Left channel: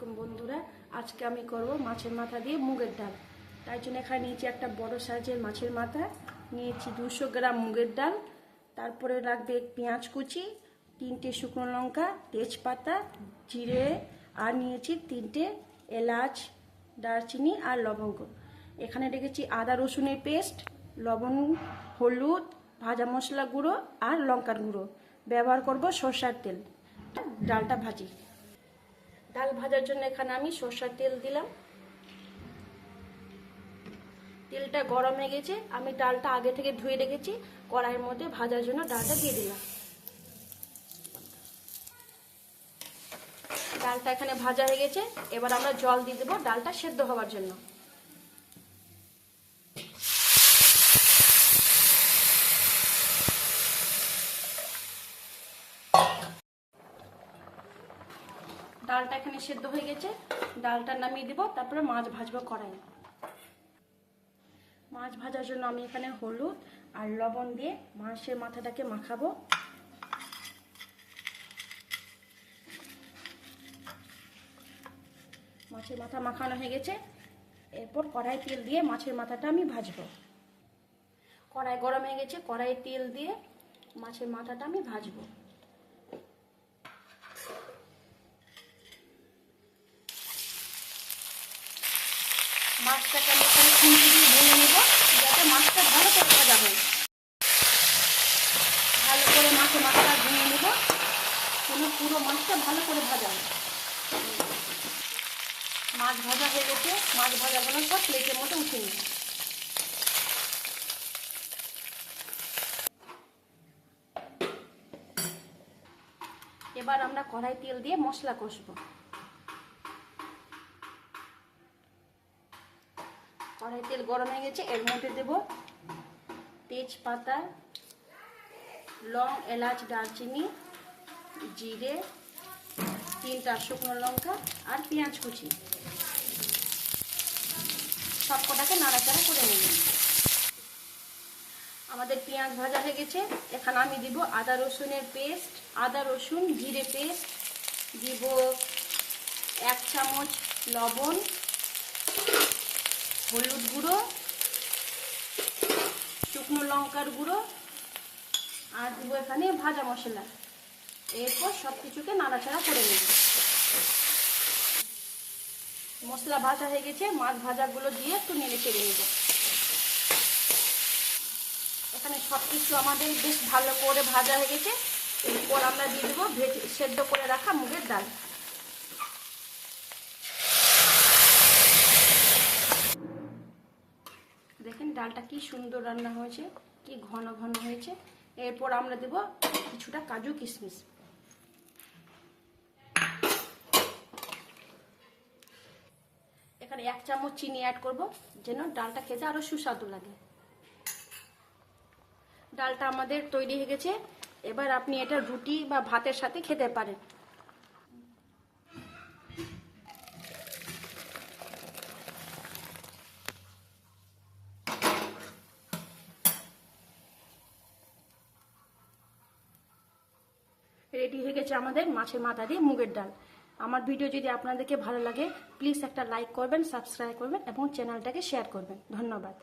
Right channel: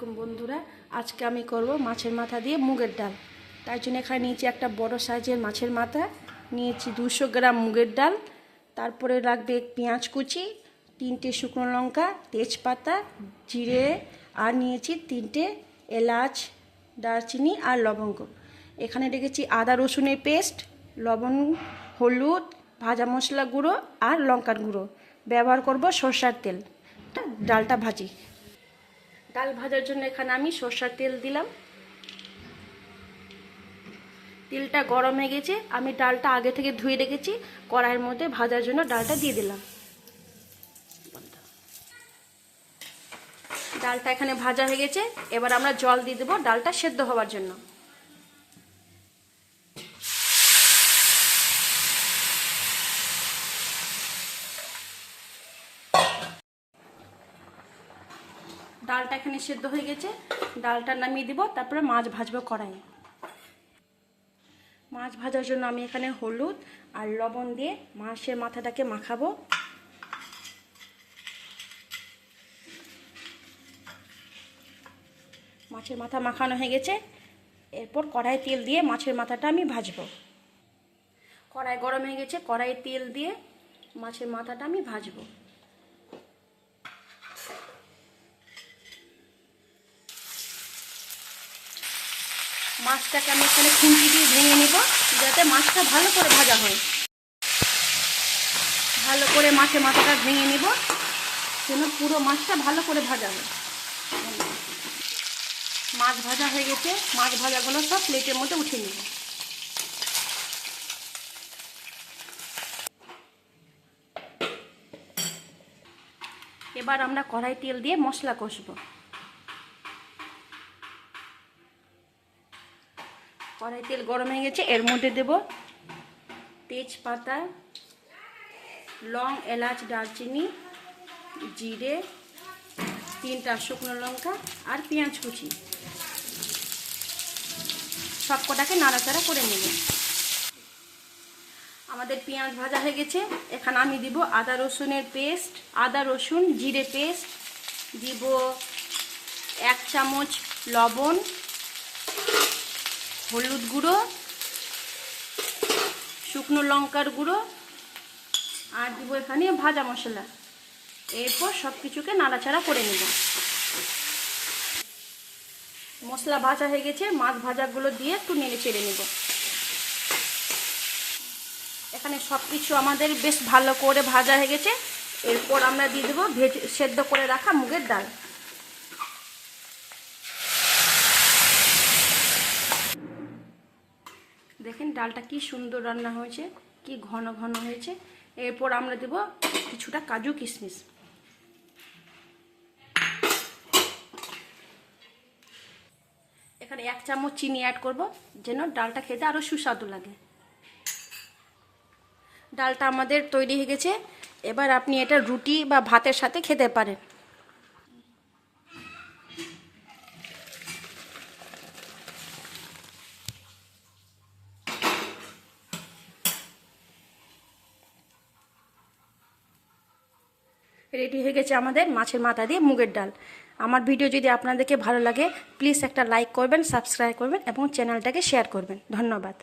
আলাইকুম বন্ধুরা, আজকে আমি করব মাছের মাথা দিয়ে মুগের ডাল। তাই জন্য এখানে নিয়েছি একটা বড় সাইজের মাছের মাথা, নিয়েছি 200 গ্রাম মুগের ডাল, তারপরে লাগবে পেঁয়াজ কুচি, 3টে শুকনো লঙ্কা, তেজপাতা, জিরে, আর নিয়েছি 3টে এলাচ, দারচিনি আর লবঙ্গ। এখানে রেখেছি আদা রসুনের পেস্ট, লবণ, হলুদ, ভাজা মশলা গুঁড়ো আর লঙ্কার গুঁড়ো। ব্যবহার করব সরষের তেল। ডালটা ভাজি। ডাল ভাজার জন্য এখানে আমি সরষের তেল দিলাম। তেলটা গরম হয়ে গেছে, আমি ডালটা আগে থেকে ধুয়ে রেখেছি, কড়াইয়ের মধ্যে ভাজার জন্য ডালটা দিয়ে দিলাম। ডালটা এখানে ভাজা হয়ে গেছে, এবার আমরা জল দিয়ে দেবো ডালটা সেদ্ধ হওয়ার জন্য। ডালটা এখানে সেদ্ধ হয়ে গেছে, ডালটা নামিয়ে দিব, তারপরে মাছ ভাজবো কড়াইয়ে। মাছ ভাজার জন্য আমি এখানে হলুদ আর লবণ দিয়ে মাছের মাথাটাকে মাখাবো। মাছের মাথা মাখানো হয়ে গেছে, এরপর কড়াই তেল দিয়ে মাছের মাথাটা আমি ভাজবো। কড়াই গরম হয়ে গেছে, কড়াইয়ে তেল দিয়ে মাছের মাথাটা আমি ভাজবো। মাছটাকে আমি এখানে খুন্তি দিয়ে ভেঙে নিব, যাতে মাছটা ভালো করে ভাজা হয়। ভালো করে মাছের মাথাটা ভেঙে নিব, যেন পুরো মাছটা ভালো করে ভাজা হয়। মাছ ভাজা হয়ে গেছে, মাছ ভাজাগুলো সব প্লেটের মধ্যে উঠিয়ে নিব। এবার আমরা কড়াই তেল দিয়ে মশলা কষবো। কড়াই তেল গরম হয়ে গেছে, এর মধ্যে দেব তেজপাতা, লং, এলাচ, দারচিনি, জিরে, 3টা শুকনো লঙ্কা আর পেঁয়াজ কুচি। সবকটাকে নাড়াচাড়া করে নেব। আমাদের পেঁয়াজ ভাজা হয়ে গেছে, এখানে আমি দিব আদা রসুনের পেস্ট, আদা রসুন জিরে পেস্ট, দিব 1 চামচ লবণ, হলুদ গুঁড়ো, শুকনো লঙ্কার গুঁড়ো, আর দিব এখানে ভাজা মশলা। এরপর সব কিছুকে নাড়াচাড়া করে নেব। মশলা ভাজা হয়ে গেছে, মাছ ভাজাগুলো দিয়ে একটু নেড়ে চেড়ে নেব। এখানে সব কিছু আমাদের বেশ ভালো করে ভাজা হয়ে গেছে, এরপর আমরা দিয়ে দেবো সেদ্ধ করে রাখা মুগের ডাল। দেখেন ডালটা কি সুন্দর রান্না হয়েছে, কি ঘন ঘন হয়েছে। এরপর আমরা দেব কিছুটা কাজু কিশমিশ। এখানে 1 চামচ চিনি অ্যাড করব, যেন ডালটা খেতে আরো সুস্বাদু লাগে। ডালটা আমাদের তৈরি হয়ে গেছে, এবার আপনি এটা রুটি বা ভাতের সাথে খেতে পারেন। রেডি হয়ে গেছে আমাদের মাছের মাথা দিয়ে মুগের ডাল। আমার ভিডিও যদি আপনাদেরকে ভালো লাগে, প্লিজ একটা লাইক করবেন, সাবস্ক্রাইব করবেন এবং চ্যানেলটাকে শেয়ার করবেন। ধন্যবাদ।